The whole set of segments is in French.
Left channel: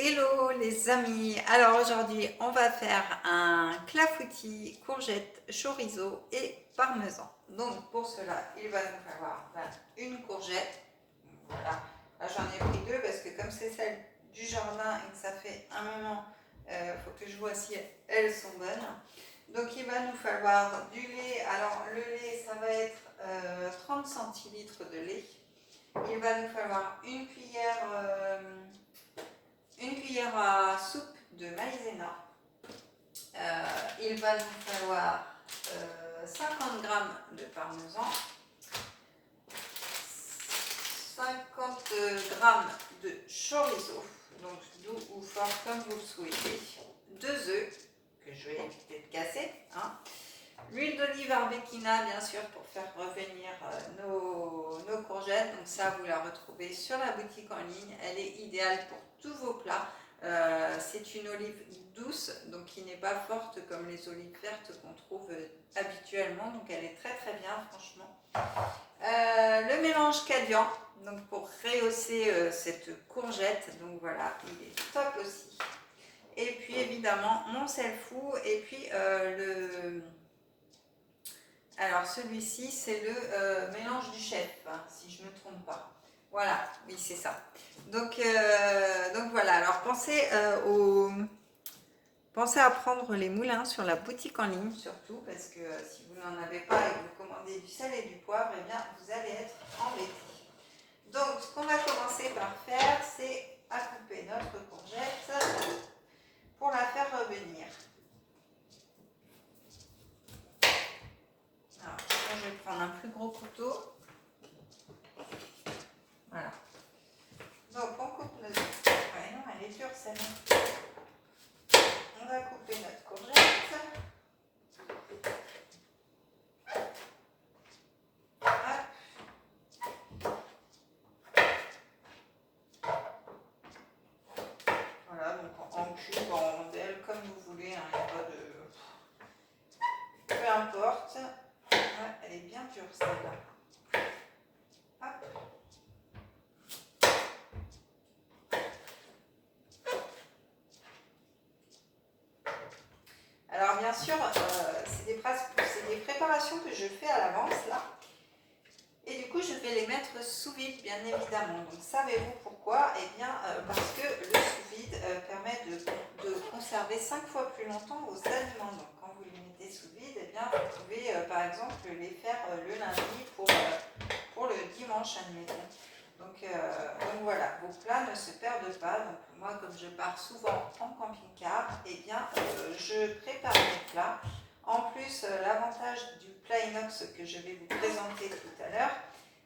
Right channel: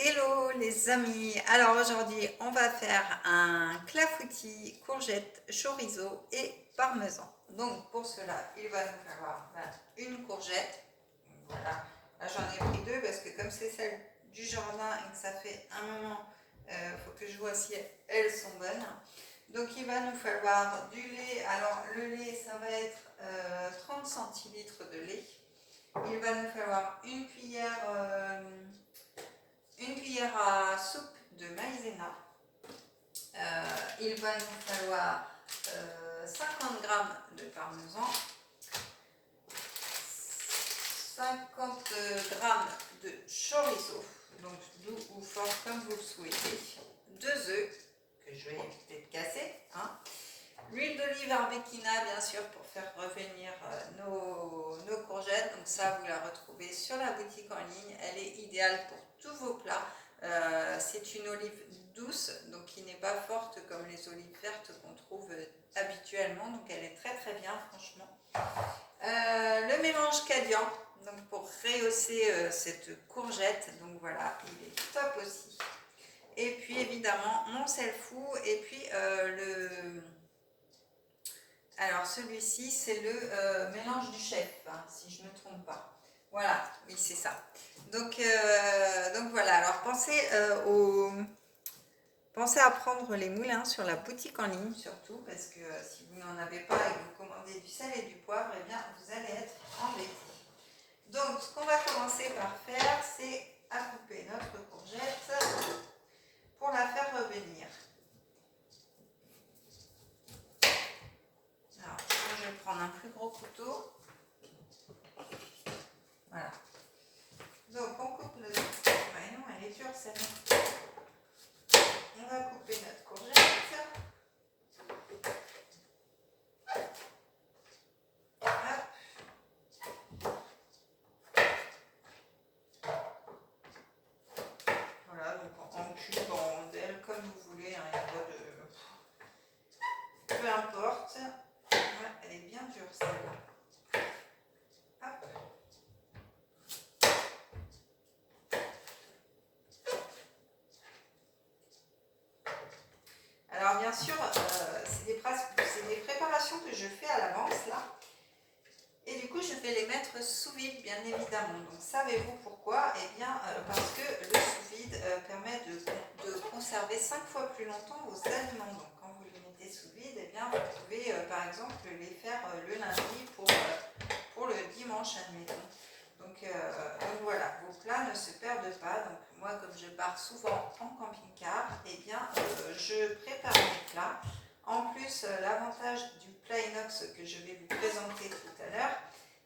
Hello les amis, alors aujourd'hui on va faire un clafoutis, courgette, chorizo et parmesan. Donc pour cela il va nous falloir une courgette, voilà, là j'en ai pris deux parce que comme c'est celle du jardin et que ça fait un moment, faut que je vois si elles sont bonnes. Donc il va nous falloir du lait, alors le lait ça va être 30 centilitres de lait. Il va nous falloir une cuillère à soupe de maïzena. Il va nous falloir 50 g de parmesan, 50 g de chorizo, donc doux ou fort comme vous le souhaitez, 2 œufs que je vais éviter de casser, hein. L'huile d'olive arbequina bien sûr pour faire revenir nos courgettes, donc ça vous la retrouvez sur la boutique en ligne, elle est idéale pour tous vos plats. C'est une olive douce, donc qui n'est pas forte comme les olives vertes qu'on trouve habituellement, donc elle est très très bien franchement. Le mélange Cadian, donc pour rehausser cette courgette, donc voilà, il est top aussi. Et puis évidemment mon sel fou, et puis alors celui-ci c'est le mélange du chef, hein, si je ne me trompe pas. Voilà, oui c'est ça. Donc voilà, alors pensez à prendre les moulins sur la boutique en ligne surtout, parce que si vous n'en avez pas et que vous commandez du sel et du poivre, eh bien vous allez être embêtés. Donc ce qu'on va commencer par faire, c'est à couper notre courgette pour la faire revenir. Alors je vais prendre un plus gros couteau. Voilà. Donc on coupe notre... Ouais non, elle est dure celle-là. On va couper notre courgette. Voilà, donc en cube, en rondelle, comme vous voulez, hein, il n'y a pas de... Peu importe. Ouais, elle est bien dure celle-là. Hop. Alors bien sûr, c'est des préparations que je fais à l'avance là. Et du coup, je vais les mettre sous vide, bien évidemment. Donc, savez-vous pourquoi? Eh bien, parce que le sous-vide permet de conserver 5 fois plus longtemps vos aliments. Donc, quand vous les mettez sous vide, eh bien, vous pouvez, par exemple, les faire le lundi pour le dimanche, admettons. Donc voilà, vos plats ne se perdent pas. Donc, moi, comme je pars souvent en camping-car, eh bien, je prépare mes plats. En plus, l'avantage du plat inox que je vais vous présenter tout à l'heure,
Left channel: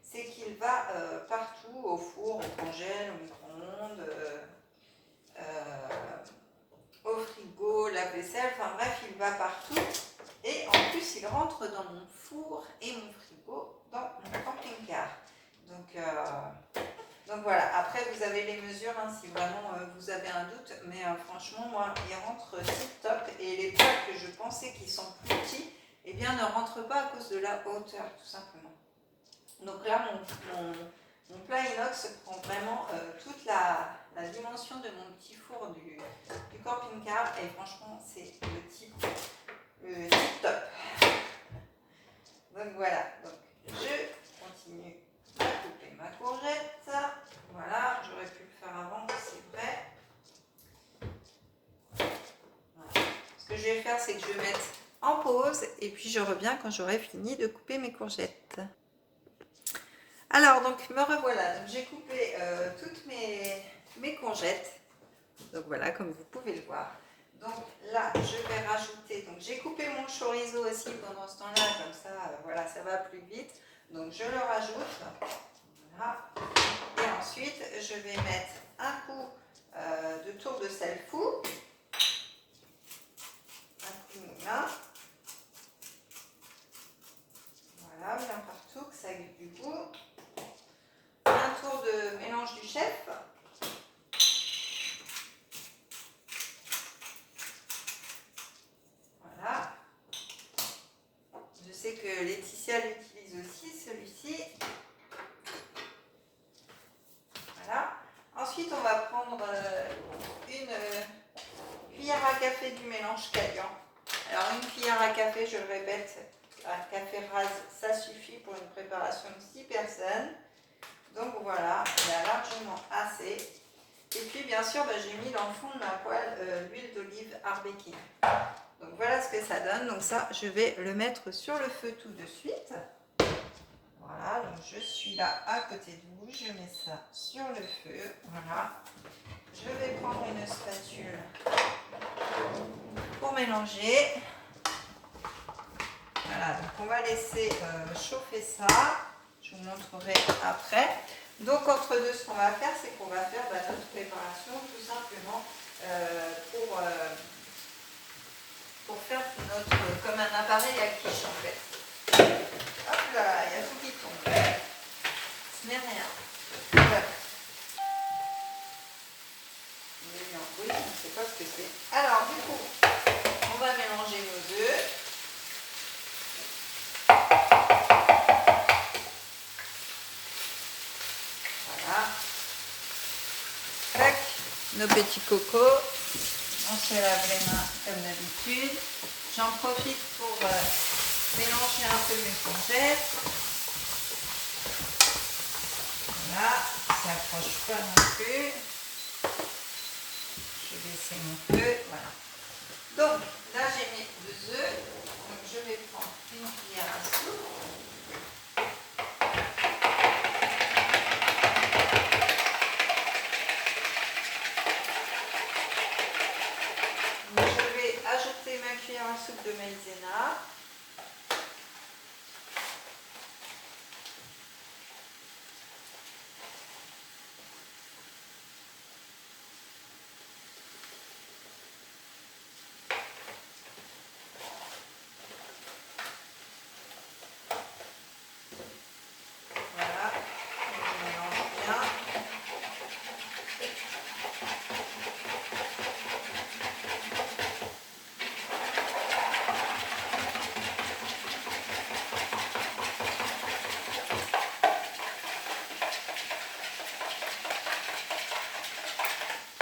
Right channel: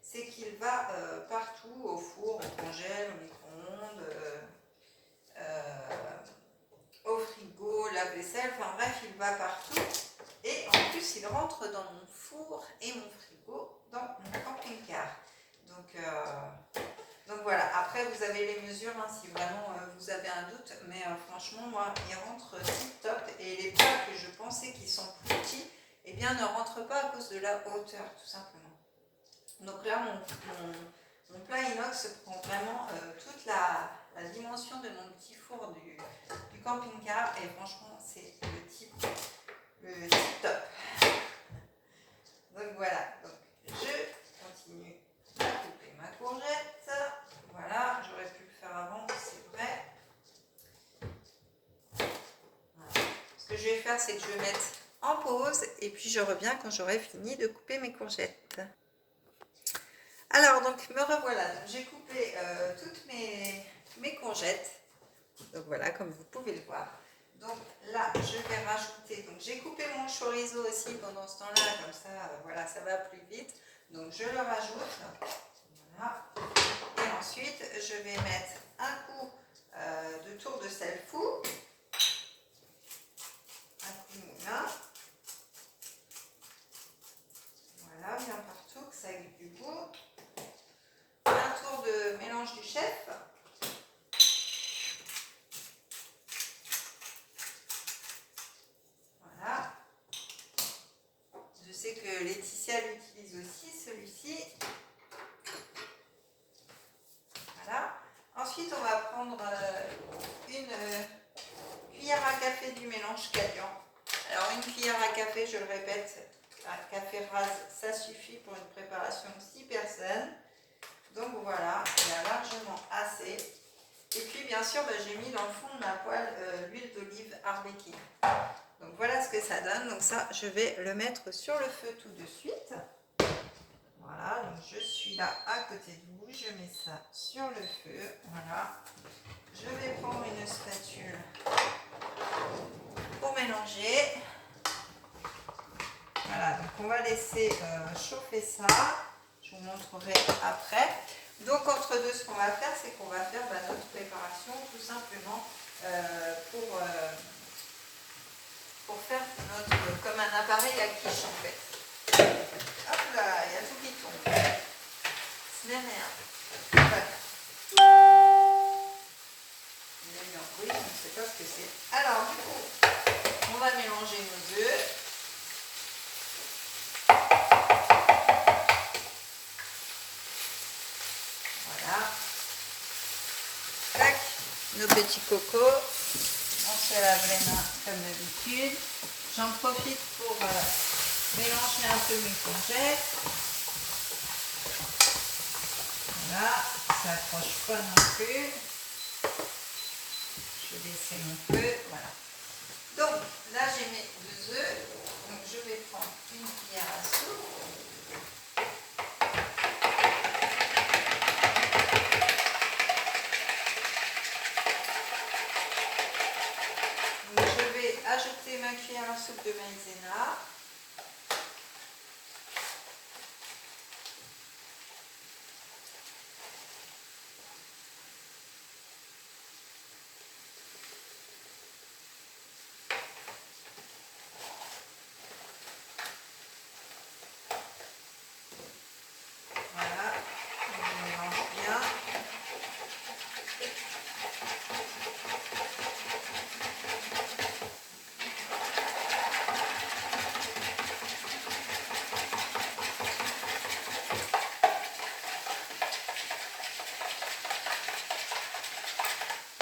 c'est qu'il va partout, au four, au congèle, au micro-ondes, au frigo, lave-vaisselle, enfin bref, il va partout. Et en plus, il rentre dans mon four et mon frigo dans mon camping-car. Donc voilà, après vous avez les mesures hein, si vraiment vous avez un doute, mais franchement moi il rentre tip top, et les plats que je pensais qu'ils sont plus petits, eh bien ne rentrent pas à cause de la hauteur tout simplement. Donc là mon plat inox prend vraiment toute la dimension de mon petit four du camping-car, et franchement c'est le tip top. Donc voilà, donc je continue à couper ma courgette. Voilà, j'aurais pu le faire avant, c'est vrai. Voilà. Ce que je vais faire, c'est que je vais mettre en pause et puis je reviens quand j'aurai fini de couper mes courgettes. Alors, donc me revoilà. Donc, j'ai coupé toutes mes courgettes. Donc voilà, comme vous pouvez le voir. Donc là, je vais rajouter. Donc j'ai coupé mon chorizo aussi pendant ce temps-là, comme ça, voilà, ça va plus vite. Donc je le rajoute. Voilà. Et ensuite, je vais mettre un coup de tour de sel fou, un coup de moulin. Voilà, bien partout, que ça ait du goût. Un tour de mélange du chef. Voilà. Je sais que Laetitia l'utilise aussi, celui-ci. Voilà. Ensuite, on va prendre prendre une cuillère à café du mélange Cadian. Alors une cuillère à café, je le répète, un café rase, ça suffit pour une préparation de 6 personnes. Donc voilà, il y a largement assez. Et puis bien sûr, j'ai mis dans le fond de ma poêle l'huile d'olive Arbequine. Donc voilà ce que ça donne. Donc ça, je vais le mettre sur le feu tout de suite. Voilà, donc je suis là à côté de vous. Je mets ça sur le feu. Voilà. Je vais prendre une spatule pour mélanger. Voilà, donc on va laisser chauffer ça. Je vous montrerai après. Donc entre deux, ce qu'on va faire, c'est qu'on va faire notre préparation tout simplement pour faire notre, comme un appareil à quiche en fait. Hop là, il y a tout qui tombe. Ce n'est rien. Voilà. Il y a eu un bruit, je ne sais pas ce que c'est. Alors du coup, on va mélanger nos œufs. Voilà. Tac, nos petits cocos. On se lave les mains comme d'habitude. J'en profite pour mélanger un peu mes courgettes. Voilà, ça n'accroche pas non plus. Je vais baisser mon feu, voilà. Donc là j'ai mes 2 œufs. Donc je vais prendre une cuillère à soupe. Donc je vais ajouter ma cuillère à soupe de maïzena. Voilà, je mélange bien.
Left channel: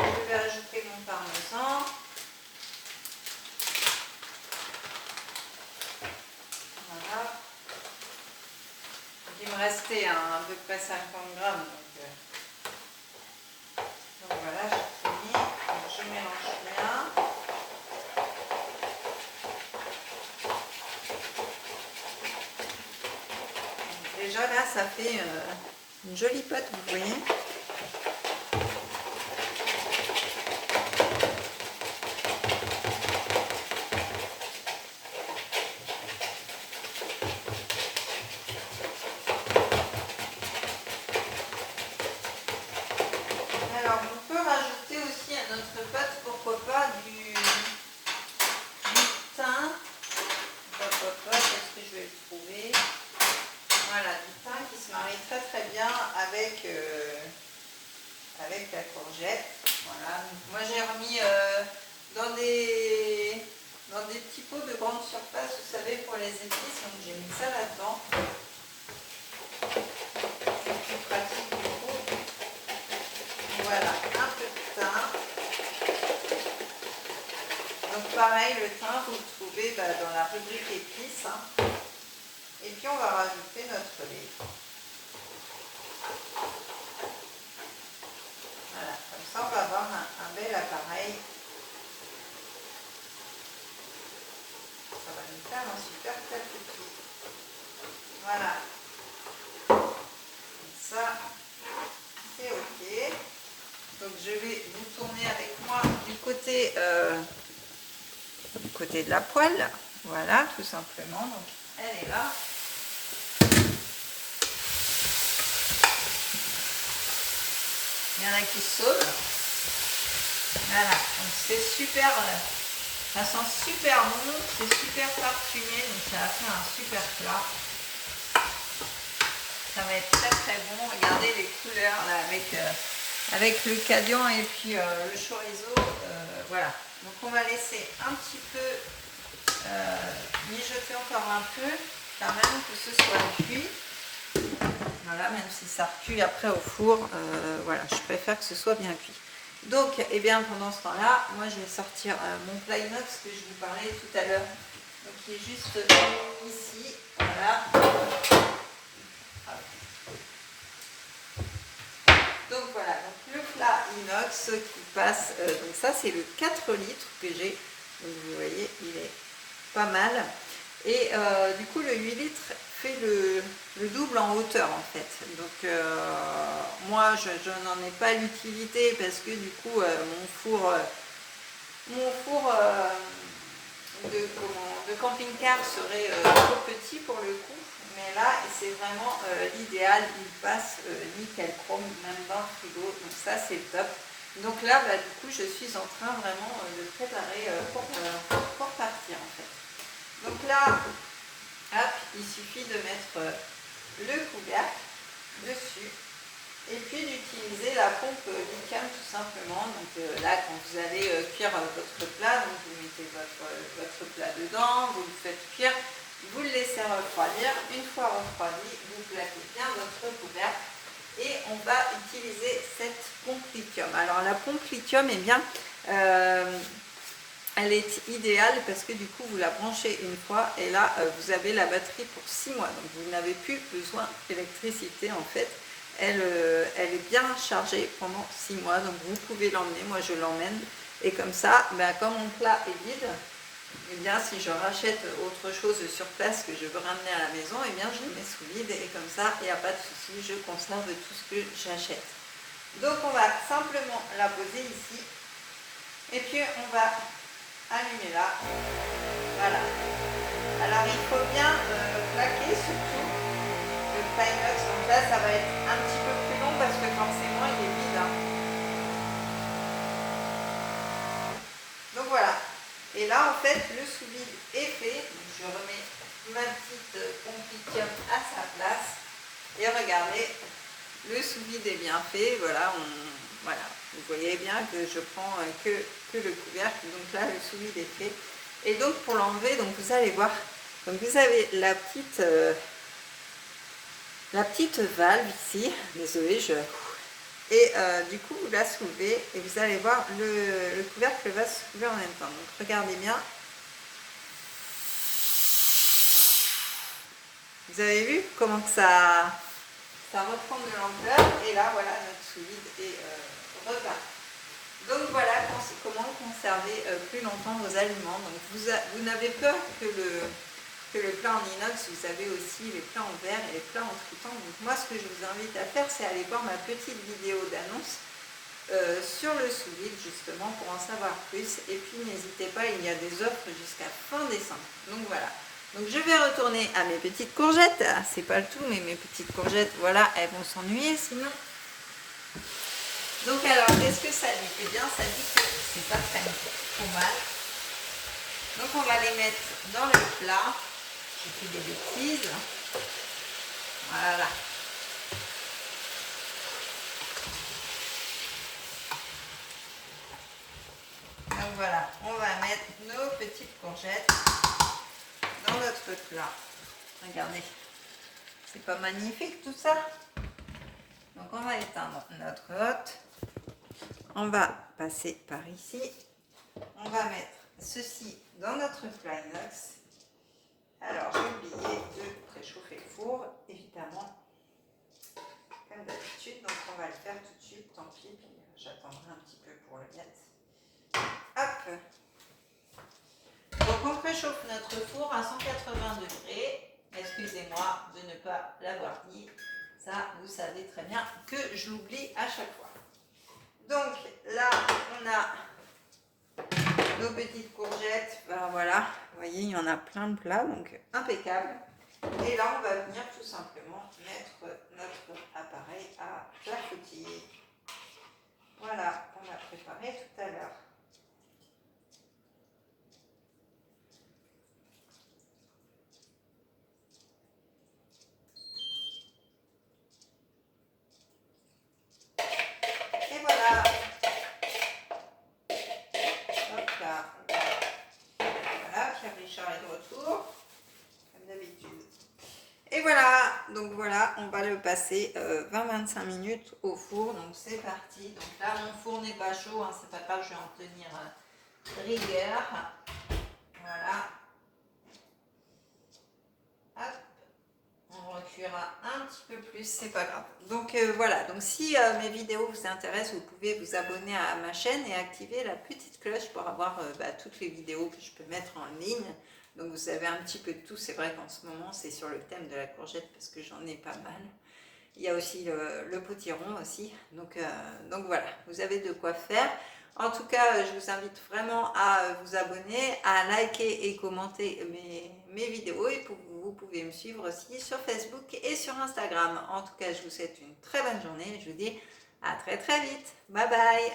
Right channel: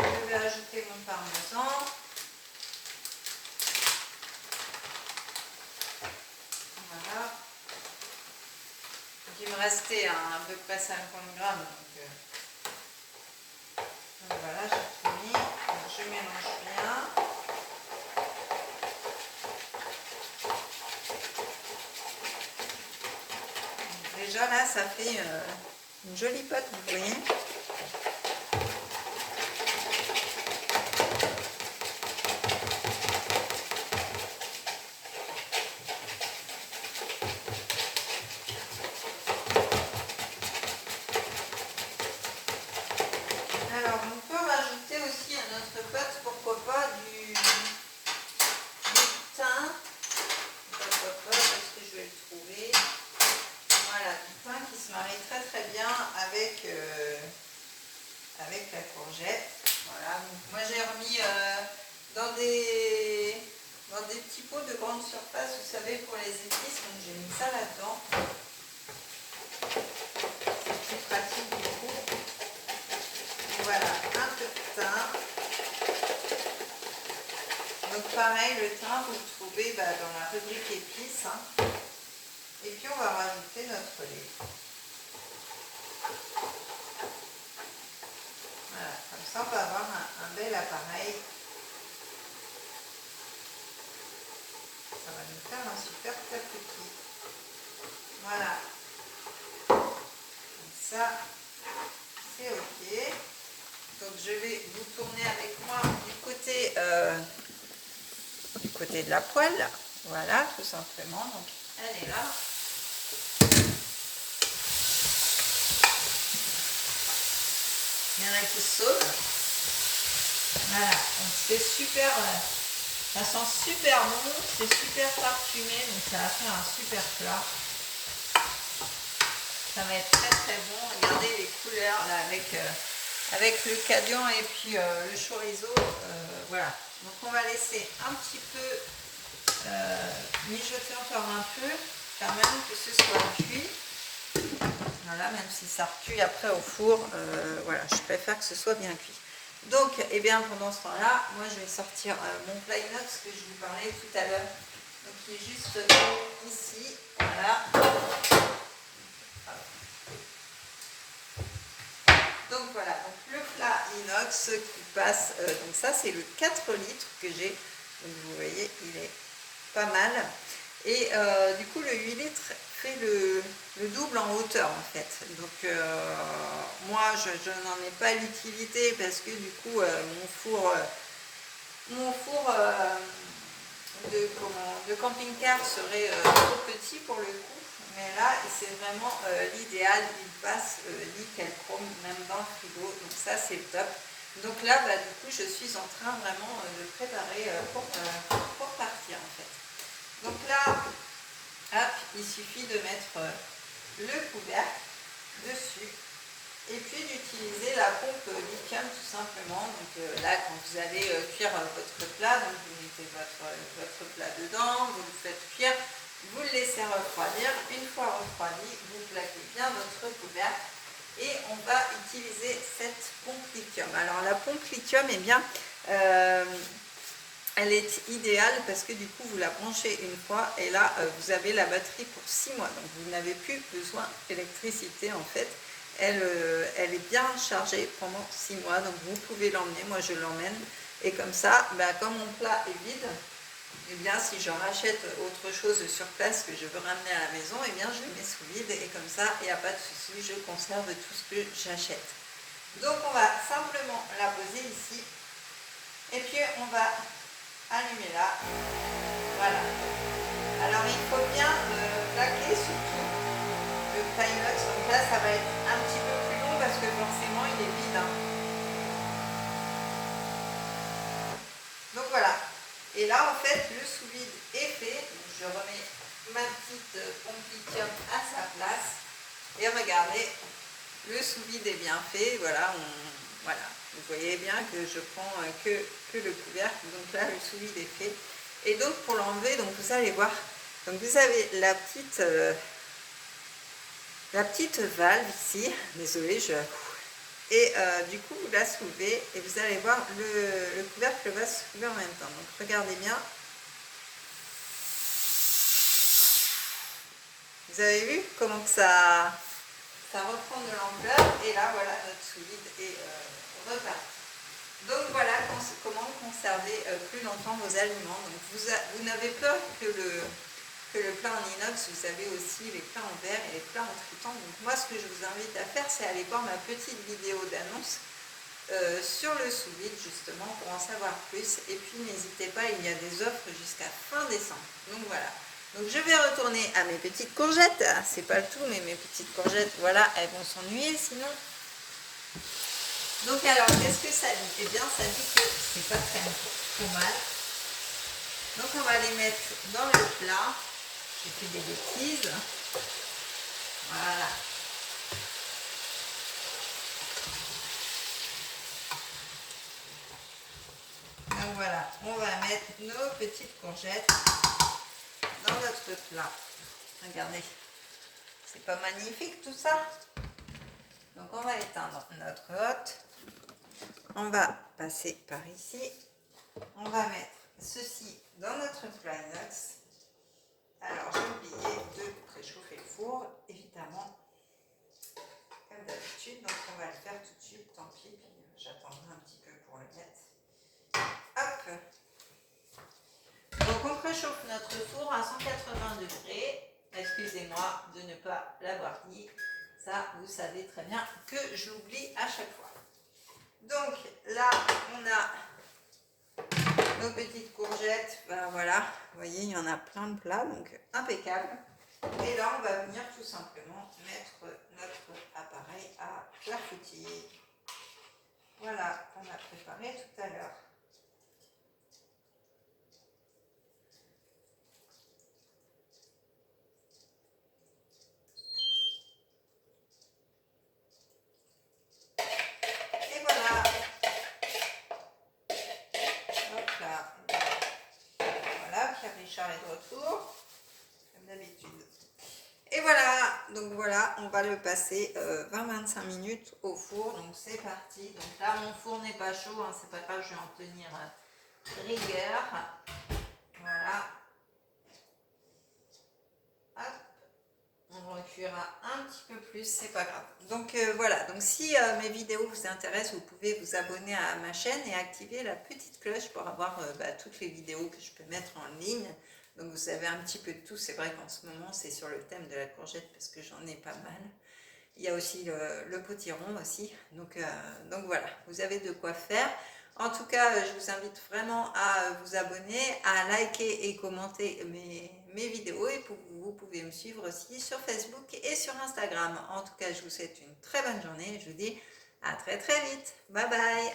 Je vais ajouter mon parmesan. Voilà. Donc, il me restait à peu près 50 grammes. Donc voilà, j'ai tout mis. Donc, je mélange bien. Donc, déjà là, ça fait une jolie pâte, vous voyez. Alors, on peut rajouter aussi à notre pâte, pourquoi pas, du thym. Est-ce que je vais le trouver? Voilà, du thym qui se marie très très bien avec, avec la courgette. Voilà, donc moi j'ai remis dans des petits pots de grande surface, vous savez, pour les épices, donc j'ai mis ça là-dedans. C'est plus pratique du coup. Voilà, un peu de thym. Donc pareil, le thym, vous le trouvez dans la rubrique épices. Hein. Et puis on va rajouter notre lait. Voilà, comme ça on va avoir un bel appareil. Ça va nous faire un super clafoutis. Voilà. Comme ça, c'est ok. Donc je vais vous tourner avec moi du côté de la poêle. Voilà, tout simplement. Donc elle est là. Il y en a qui sauvent. Voilà, donc c'est super, ça sent super bon, c'est super parfumé, donc ça va faire un super plat. Ça va être très très bon. Regardez les couleurs là, avec le cadian et puis le chorizo. Voilà, donc on va laisser un petit peu mijoter encore un peu, quand même que ce soit cuit. Voilà, même si ça recuit après au four, voilà, je préfère que ce soit bien cuit. Donc, eh bien, pendant ce temps-là, moi, je vais sortir mon plat inox que je vous parlais tout à l'heure. Donc, qui est juste ici. Voilà. Donc, voilà. Donc, le plat inox qui passe. Donc, ça, c'est le 4 litres que j'ai. Donc, vous voyez, il est pas mal. Et du coup, le 8 litres fait le double en hauteur, en fait. Donc, moi, je n'en ai pas l'utilité parce que du coup, mon four de camping-car serait trop petit pour le coup. Mais là, c'est vraiment l'idéal. Il passe nickel chrome, même dans le frigo. Donc ça, c'est le top. Donc là, bah, du coup, je suis en train vraiment de préparer pour partir, en fait. Donc là, hop, il suffit de mettre le couvercle dessus et puis d'utiliser la pompe lithium tout simplement. Donc là, quand vous allez cuire votre plat, donc vous mettez votre plat dedans, vous le faites cuire, vous le laissez refroidir. Une fois refroidi, vous plaquez bien votre couvercle et on va utiliser cette pompe lithium. Alors la pompe lithium, eh bien, elle est idéale parce que du coup vous la branchez une fois et là vous avez la batterie pour 6 mois. Donc vous n'avez plus besoin d'électricité en fait. Elle est bien chargée pendant 6 mois. Donc vous pouvez l'emmener, moi je l'emmène. Et comme ça, ben, comme mon plat est vide, et bien si je rachète autre chose sur place que je veux ramener à la maison, et bien je le mets sous vide et comme ça, il n'y a pas de souci, je conserve tout ce que j'achète. Donc on va simplement la poser ici. Et puis on va allumer là, voilà. Alors il faut bien plaquer surtout le plat inox, donc là ça va être un petit peu plus long parce que forcément il est vide. Hein. Donc voilà, et là en fait le sous-vide est fait, donc je remets ma petite pompe lithium à sa place et regardez, le sous-vide est bien fait, voilà, voilà. Vous voyez bien que je prends que le couvercle, donc là le sous-vide est fait. Et donc pour l'enlever, donc vous allez voir, donc vous avez la petite valve ici, désolé, et du coup vous la soulevez et vous allez voir le couvercle va se soulever en même temps. Donc regardez bien. Vous avez vu comment que ça reprend de l'ampleur et là voilà notre sous-vide est reparti. Donc voilà comment conserver plus longtemps vos aliments. Donc vous n'avez peur que le plat en inox, vous avez aussi les plats en verre et les plats en triton. Donc moi ce que je vous invite à faire, c'est aller voir ma petite vidéo d'annonce sur le sous-vide justement pour en savoir plus. Et puis n'hésitez pas, il y a des offres jusqu'à fin décembre. Donc voilà. Donc je vais retourner à mes petites courgettes. C'est pas le tout, mais mes petites courgettes, voilà, elles vont s'ennuyer sinon. Donc alors, qu'est-ce que ça dit? Eh bien, ça dit que c'est pas très mal. Donc on va les mettre dans le plat. J'ai fait des bêtises. Voilà. Donc voilà, on va mettre nos petites courgettes dans notre plat. Regardez, c'est pas magnifique tout ça? Donc on va éteindre notre hotte. On va passer par ici. On va mettre ceci dans notre plat inox. Alors j'ai oublié de préchauffer le four, évidemment, comme d'habitude. Donc on va le faire tout de suite, tant pis. Puis j'attendrai un petit peu pour le mettre. Hop. Donc on préchauffe notre four à 180 degrés. Excusez-moi de ne pas l'avoir dit. Ça, vous savez très bien que je l'oublie à chaque fois. Donc là, on a nos petites courgettes. Ben voilà, vous voyez, il y en a plein de plats, donc impeccable. Et là, on va venir tout simplement mettre notre appareil à clafoutis. Voilà, qu'on a préparé tout à l'heure. Et voilà. Hop là. Voilà, Pierre Richard est de retour, comme d'habitude. Et voilà, donc voilà, on va le passer 20-25 minutes au four. Donc c'est parti. Donc là, mon four n'est pas chaud, hein, c'est pas grave, je vais en tenir rigueur. Voilà. Hop. On reculera un petit peu plus, c'est pas grave. Donc voilà, donc si mes vidéos vous intéressent, vous pouvez vous abonner à ma chaîne et activer la petite cloche pour avoir toutes les vidéos que je peux mettre en ligne. Donc vous avez un petit peu de tout, c'est vrai qu'en ce moment c'est sur le thème de la courgette parce que j'en ai pas mal. Il y a aussi le potiron aussi, donc voilà, vous avez de quoi faire. En tout cas, je vous invite vraiment à vous abonner, à liker et commenter mes vidéos et vous pouvez me suivre aussi sur Facebook et sur Instagram. En tout cas, je vous souhaite une très bonne journée et je vous dis à très très vite. Bye bye.